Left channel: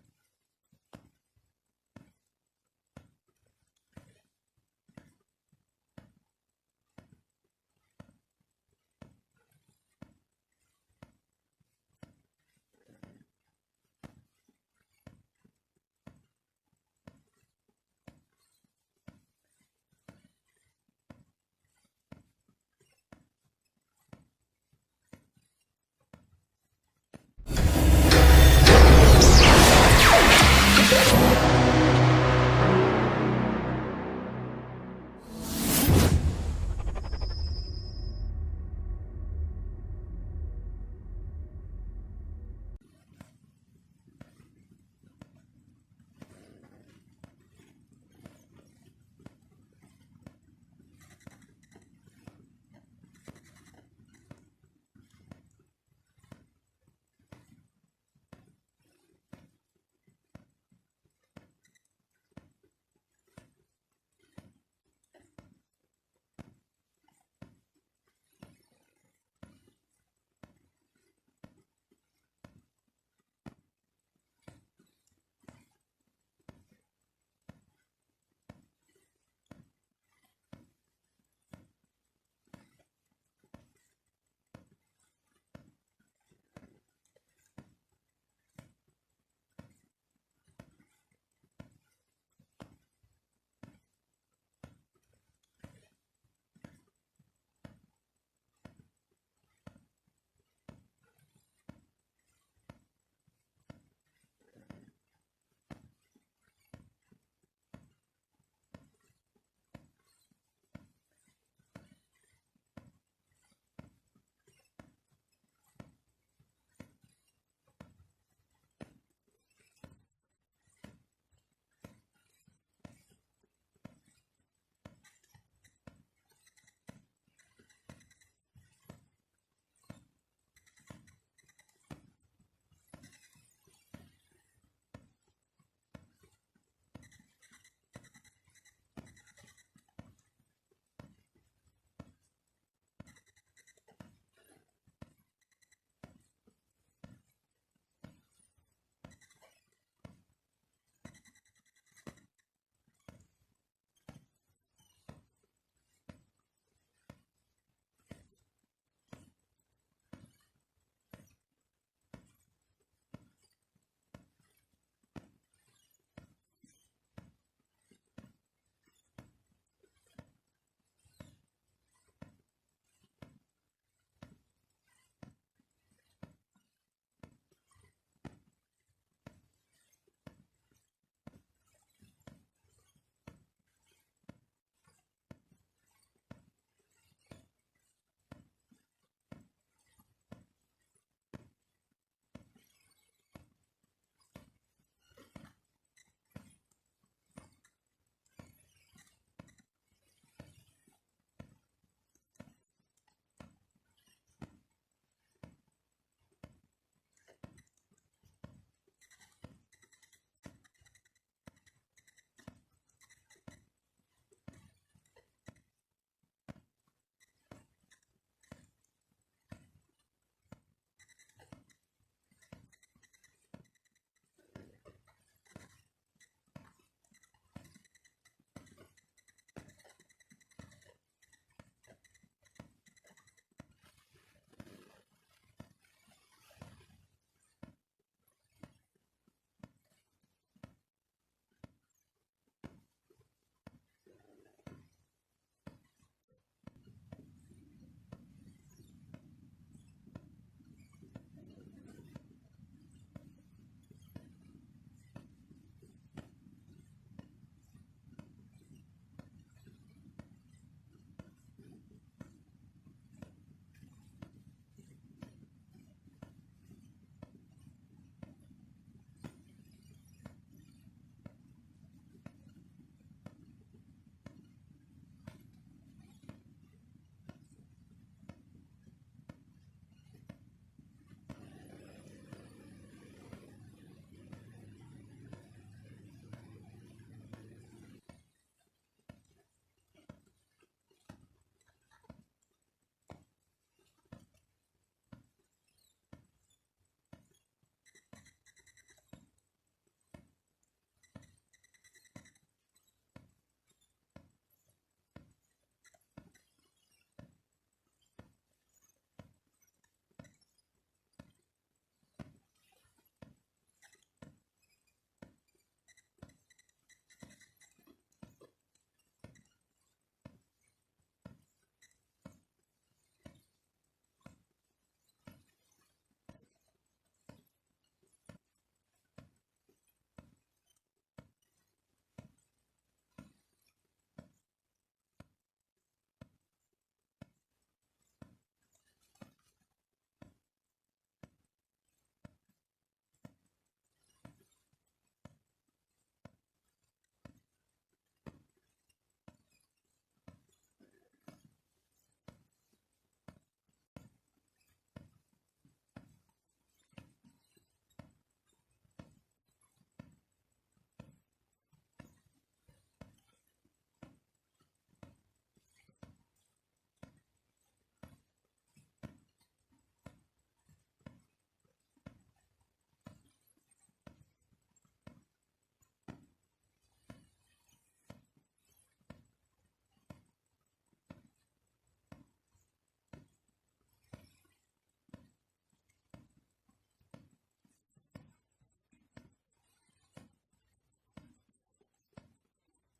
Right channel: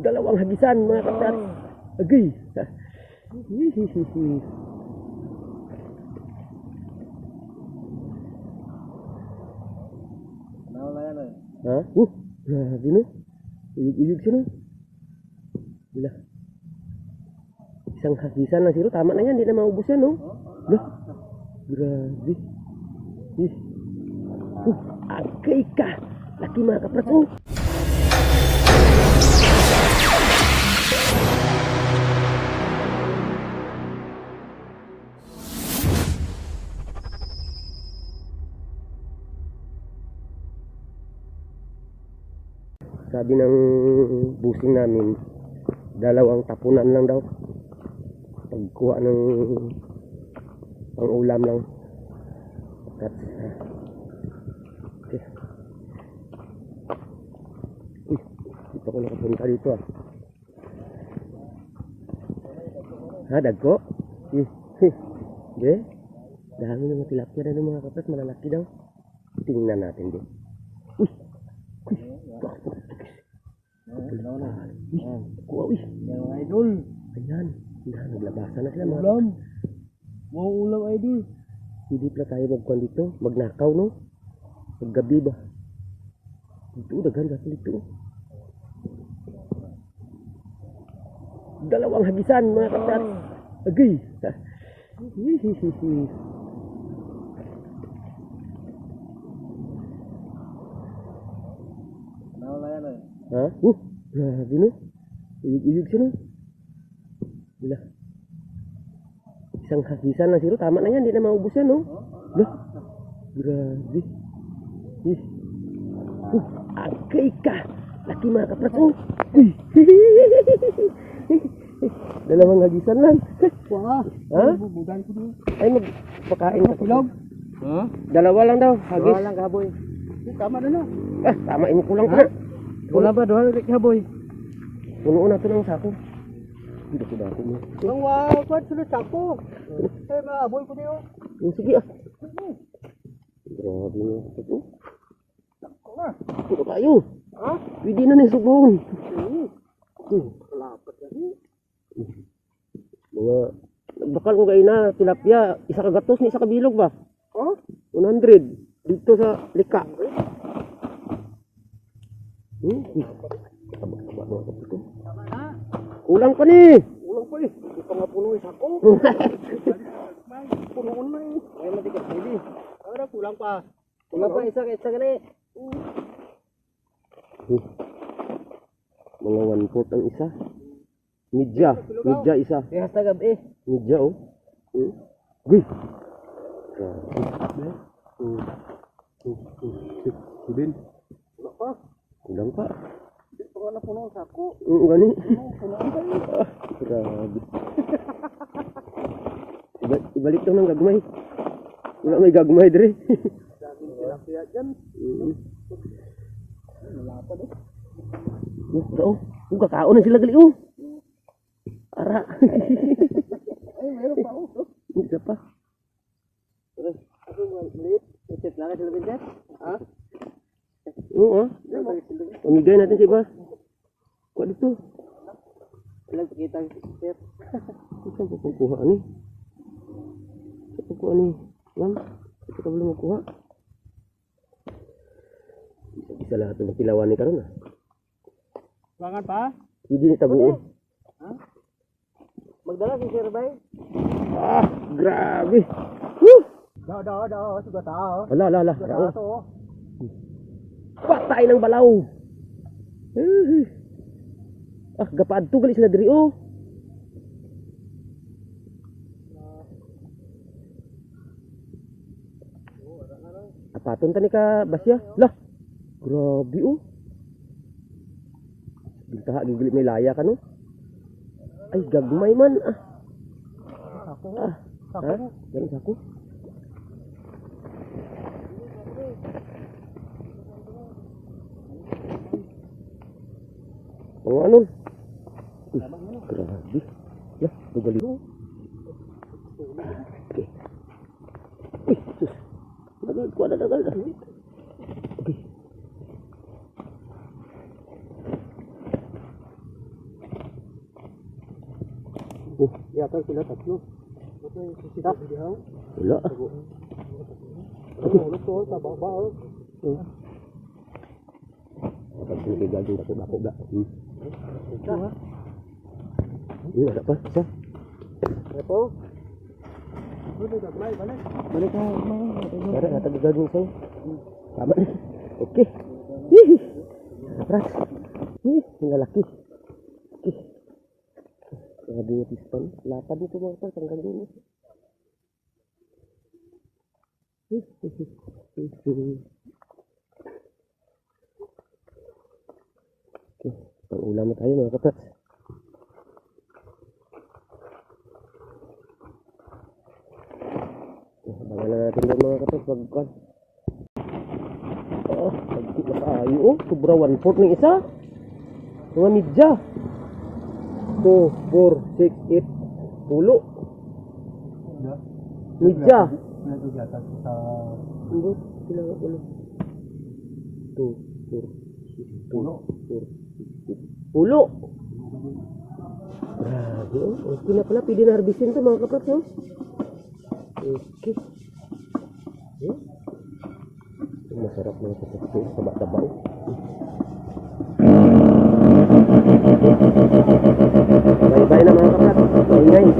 Dalawang hagisan mga kaprat. Agay. Nawala yan eh. Ha? Grabe no. Iyog siya no. Bila. Isang hagisan lang siro. Tama na yan. Hindi na maubos yan no. Lah. Grabe. Agay ka. Laki mga kaprat oh. Sabi ng busing namin, dalawang tapunan lang daw. Pagkuha ng pang-ulam lang. Okay. Uy, dito ko nakapunta dito ah. Ha, dagko? Hindi. Dami ng tilapia na ng mga kapat, malalaki daw. Tingnan natin din. Uy! Kuha, uy! Yung idol. Ayan. Naglabasan na sila mga Ulam. Mau ulam idol. Hindi pala tayo magkuhan dito. Magnakaw no? Maggabi ba? Dito, daghan gasol dito. Dalawang hagisan mga kaprat. Agay. Nawala yan eh. Ha? Grabe no. Iyog siya no. Bila. Isang hagisan lang siro. Tama na yan. Hindi na maubos yan no. Lah. Grabe. Agay ka. Laki mga kaprat oh. Dalawang hagisan lang. Wah. Ha? Bubugan ko dun. Ay magpakain ka. Pilog. Ha? Dalawa lang daw. Hagis. Wala lang kaboy. Tama na na. Tama imo kulang pa. Wala ba doon ulit kaboy? Puno na to ng sako. Hindi ko dako mo. Ang wow, kwat sulod sako. Eh maaboy ko diyo. Sige ah. Grabe mo. Ito. Puno kayo. Ha? Pwede na ni subong. Lapad yan. Mga bakal kung kayo na tilapia, isa ka gatos ni isa ka bilog ba? Ha? 100 dito sa lika. Taba mo sa ito. Kulang pa ni. Ulang pa eh. Di pa nga puno yung sako. Punoon na eh. Ay matigas hindi. Ara kulang pa. Kulang pa isa gani. Mga 1/4 ang isa. Midya isa. Kaya sa gabi. Midya oh. Guy. Subin. Kulang pa. Di pa nga na puno yung sako. Gani. Punoon pa eh. Grabe. Ibalik daw ng gagmay. Wala may gagmay dire. Dami tilapia dyan. Malapad eh. Oh, kakaon na sila gali oh. Ara. Ay, meron pa oh. Hindi pa. Ako maliit. Itit lang sila binset. Ha? Oo ah. Pamigay natin si Bas. Kuha dito. Ilang kita sir. Saan po kung kuha ni? Saan po kuha ni? Ma'am, ito ka belum makuha. Bisa lahat ng kilawan ni karon ah. Bangan pa? Hindi ni tabuo. Ha? Magdala si Sir Bay. Grabe. Daw, suga tao. Ala. Suga tao. Patay ng balaw. Gapaadto gali sila diri oh. Apaton tani ka Basya. Lah. Grabe oh. Bintaha gigili may laya ka no. Ay gagmay man ah. Ako. Ha? Yan ako. Mga ano? Grabe. Lah, bugali ko. Okay. Uy, sus. Dagal. Okay. Yata sila tatlo. Tak. Wala. Ulot ko sa baba. Kapag gagawin dako ba? Ada pa isa. Ito. Balik ka. Ada kata gagawin saya. Tama nih. Oke. Hihi. Keras. Tinggal laki. Oke. Ada piston. 8 itu motor tanggal ini. Oke, pengulang na tayo mga kapats. Abangan na natin doon mga kapats. Pagkuhan. Pagkit na tayo. Sobra 1/4 ng isa. Mga midya. 2, 4, 6, 8, 10. Midya. Hindi, kailangan ko lang. 2, 4, 10. Grabe, oh. Okay na pala. Pwede na harbisin ito mga kapats, no? Okay. Masarap mga kapats. Taba-taba, oh. Bye-bye na mga kapats. Bye-bye.